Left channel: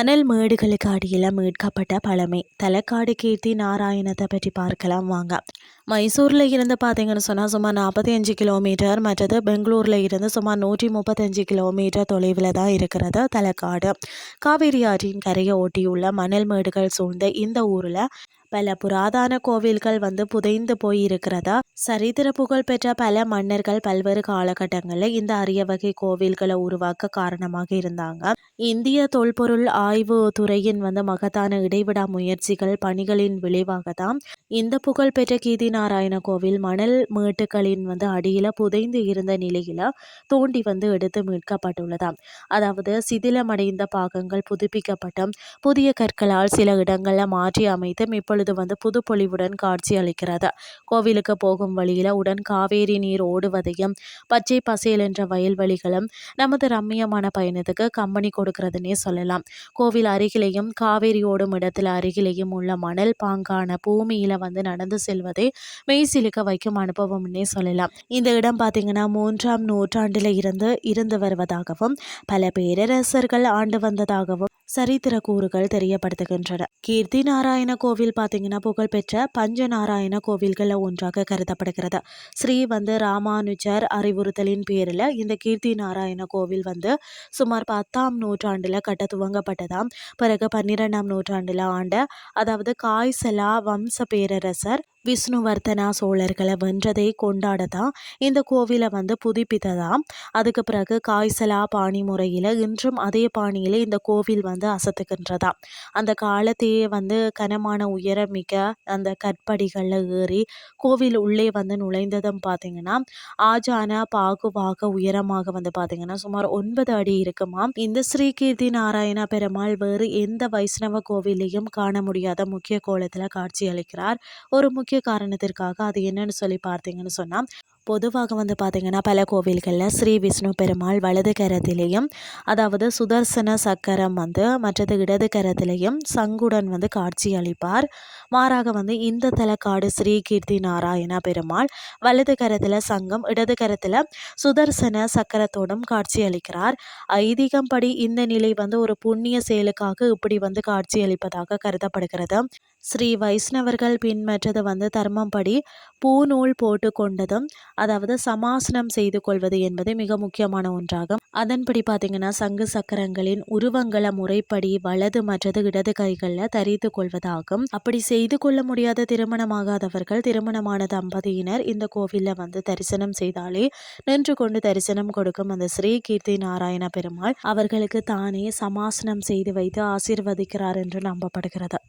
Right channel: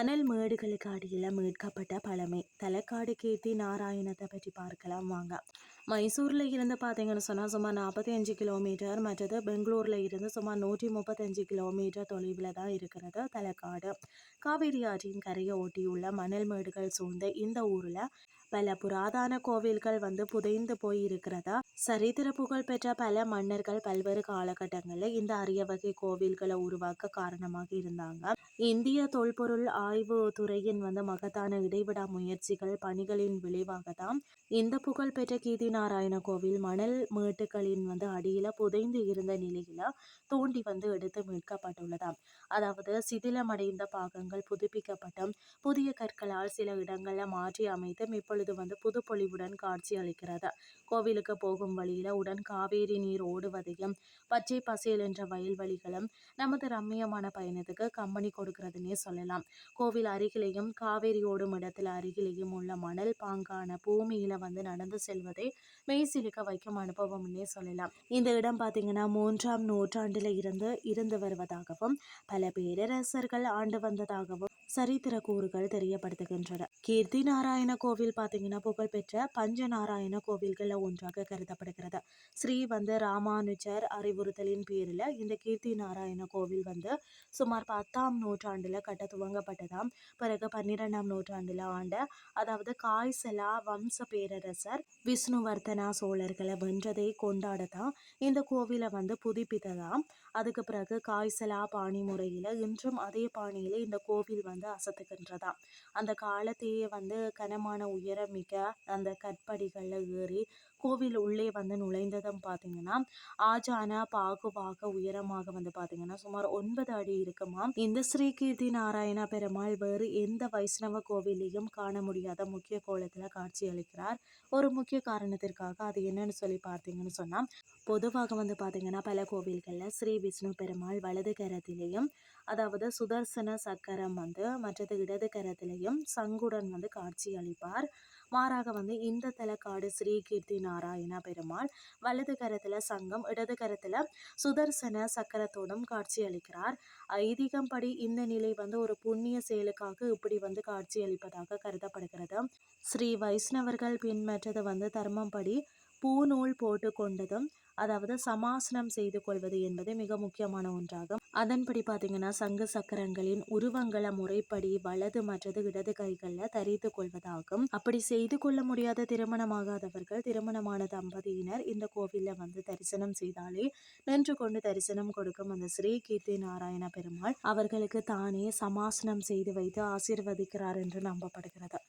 மணல் மேடுகளுக்கு அடியில் மீட்கப்பட்ட பழமை தலக்காடு கீர்த்தி நாராயணத்தை பற்றி பார்க்கலாம் வாங்க. மைசூரில் இருந்து பார்த்தீங்கன்னு சொன்னால் சுமார் 45 கிலோமீட்டர், மற்றது பெங்களூரில் இருந்து சுமார் 135 கிலோமீட்டர் தொலைவில் தான் இருக்கிறது தலக்காடு. காவிரி ஆற்றின் கரையை ஒட்டியுள்ள மணல் மேடுகள் சூழ்ந்த இந்த ஊரில் பல புராதன கோவில்கள் புதைந்து போய் இருக்கிறதா. சரித்திர புகழ் பெற்ற பல மன்னர்கள் பல்வேறு காலகட்டங்களில் இந்த அரிய வகை கோவில்களை உருவாக்க காரணமாக இருந்தாங்க. இந்திய தொல்பொருள் ஆய்வு துறையின் மகத்தான இடைவிடா முயற்சிகள் பணிகளின் விளைவாக தான் இந்த புகழ்பெற்ற கீர்த்தி நாராயண கோவில் மணல் மேட்டுகளின் அடியில புதைந்து இருந்த நிலையில தோண்டி எடுத்து மீட்கப்பட்டுள்ளதாம். அதாவது சிதிலமடைந்த பாகங்கள் புதுப்பிக்கப்பட்ட புதிய கற்களால் சில இடங்கள்ல மாற்றி அமைத்தும் இப்பொழுது புது பொலிவுடன் காட்சி அளிக்கிறது. கோவிலுக்கு போகும் வழியில உடன் காவேரி நீர் ஓடுவதையும் பச்சை பசேல் என்ற வயல்வெளிகளும் நமது ரம்மியமான பயணத்துக்கு கம்பெனி கொடுக்கிறதுனே சொல்லலாம். கோவில் அருகிலேயும் காவேரி ஓடும் இடத்துல அருகிலேயும் உள்ள மணல் பாங்கான பூமியில நடந்து செல்வதே மெய்சிலுக்க வைக்கும் அனுபவம்னே சொல்லலாம். இந்த இடம் பார்த்தீங்கன்னா 3ஆம் நூற்றாண்டுல இருந்து வருவதாகவும் பல பேரரசர்கள் ஆண்டு வந்ததாகவும் சரித்திர கூறுகள் தெரியப்படுத்துகின்றன. கீர்த்தி நாராயண கோவில் பார்த்தீங்கன்னா புகழ்பெற்ற பஞ்சநாராயண கோவில்கள் ஒன்றாக கருதப்படுகிறது. ஸ்ரீ ராமானுஜர் அறிவுறுத்தலின் பேரில் இந்த கீர்த்தி நாராயண கோவில் சுமார் 10ஆம் நூற்றாண்டுல கட்ட துவங்கப்பட்டதாம். பிறகு 12ஆம் நூற்றாண்டுல அதாவது காய்சலா வம்ச பேரரசர் விஷ்ணுவர்தனா சோழர்களை வென்றதை கொண்டாடதான் இந்த கோவிலை புதுப்பித்ததாம். அதுக்கு பிறகு காய்சலா பாணி முறையில் இன்றும் அதே பாணியில் இந்த கோவில் அசத்துக்கின்றதாம். அந்த காலத்தையே கனமான உயரம் மிக்க அந்த கற்படிகளில் ஏறி கோவில் உள்ளே நுழைந்ததும் பார்த்தீங்கன்னா ஆஜான பாகுவாக உயரமாக பார்த்தீங்கன்னா சுமார் 9 அடி இருக்குமாம். இந்த ஸ்ரீ கீர்த்தி நாராயண பெருமாள் வேறு எந்த வைஷ்ணவ கோவிலையும் காண முடியாத முக்கிய கோலத்தில் காட்சி அளிக்கிறார். ஒரு முக்கிய காரணத்திற்காக அது என்னன்னு சொல்லி பார்த்தீங்கன்னு சொன்னால், பொதுவாக பார்த்தீங்கன்னா பல கோவில்களில் ஸ்ரீ விஷ்ணு பெருமாள் வலது கரத்திலேயும் அதாவது சுதர்சன சக்கரம் மற்றது இடது கரத்திலேயும் சங்குடன் காட்சி அளிப்பார். மாறாக இந்த தலக்காடு ஸ்ரீ கீர்த்தி நாராயண பெருமாள் வலது கரத்தில் சங்கம், இடது கரத்தில் சுதர்சன சக்கரத்தோடும் காட்சி அளிக்கிறார். ஐதீகம் படி இந்த நிலை ஒரு புண்ணிய செயலுக்காக இப்படி காட்சி அளிப்பதாக கருதப்படுகிறது. ஸ்ரீ வைஷ்ணவர்கள் பின்பற்றது தர்மம் படி பூநூல் போட்டு கொண்டதும் அதாவது சமாசனம் செய்து கொள்வது என்பது மிக முக்கியமான ஒன்றாகும். அதன்படி பார்த்தீங்கன்னா சங்கு சக்கரங்களின் உருவங்களை முறைப்படி வலது மற்றது இடது கைகளில் தரித்து கொள்வதாகும். அப்படி செய்து கொள்ள முடியாத திருமணமாகாதவர்கள், திருமணமான தம்பதியினர் இந்த கோவிலில் தரிசனம் செய்தாலே நின்று கொண்டு தரிசனம் கொடுக்கும் அந்த ஸ்ரீ கீர்த்தி நாராயண பெருமாள் அவர்களுக்கு தானே சமாசனம் செய்து வைத்து ஆசீர்வதிக்கிறார் என்று நம்பப்படுகிறது.